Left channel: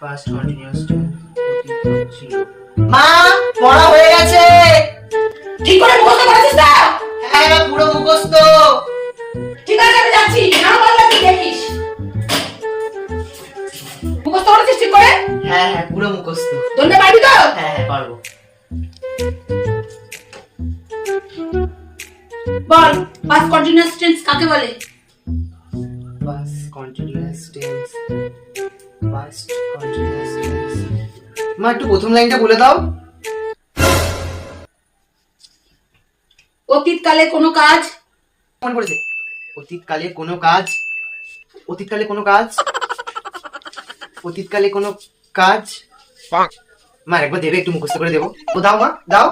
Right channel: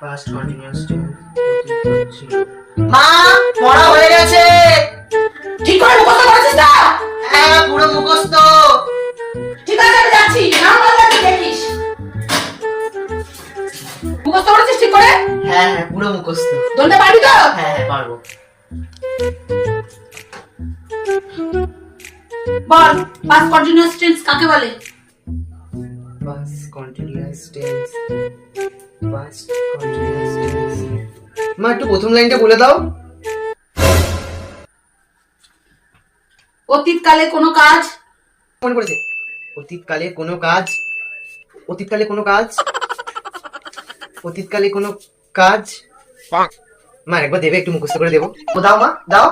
past continuous tense মা পড়া হয়ে গেছে। ঠিক করে মুখস্থ করেছিস তো হ্যাঁ পুরো মুখস্থ। ঠিক আছে আমি যাচ্ছি। না পারলে তুই দেখিস। মুখস্থ করেছিস ঠিক করে? হ্যাঁ হ্যাঁ পুরো মুখস্থ। ধরতে পারবি তো? হ্যাঁ হ্যাঁ পারব। বল পাস্ট কন্টিনিউয়াস টেন্স কাকে বলে? Past continuous tense past মা একটু প্রথম লাইনটা বলে দাও। অতীতকালে কোনো কাজ? মনে পড়েছে? অতীতকালে কোনো কাজ? অতীতকালে কোনো কাজ? অতীতকালে কোনো কাজ? মা একবার দেবে একটু মুখস্থ করে দেবো। ও দাও মা দাও।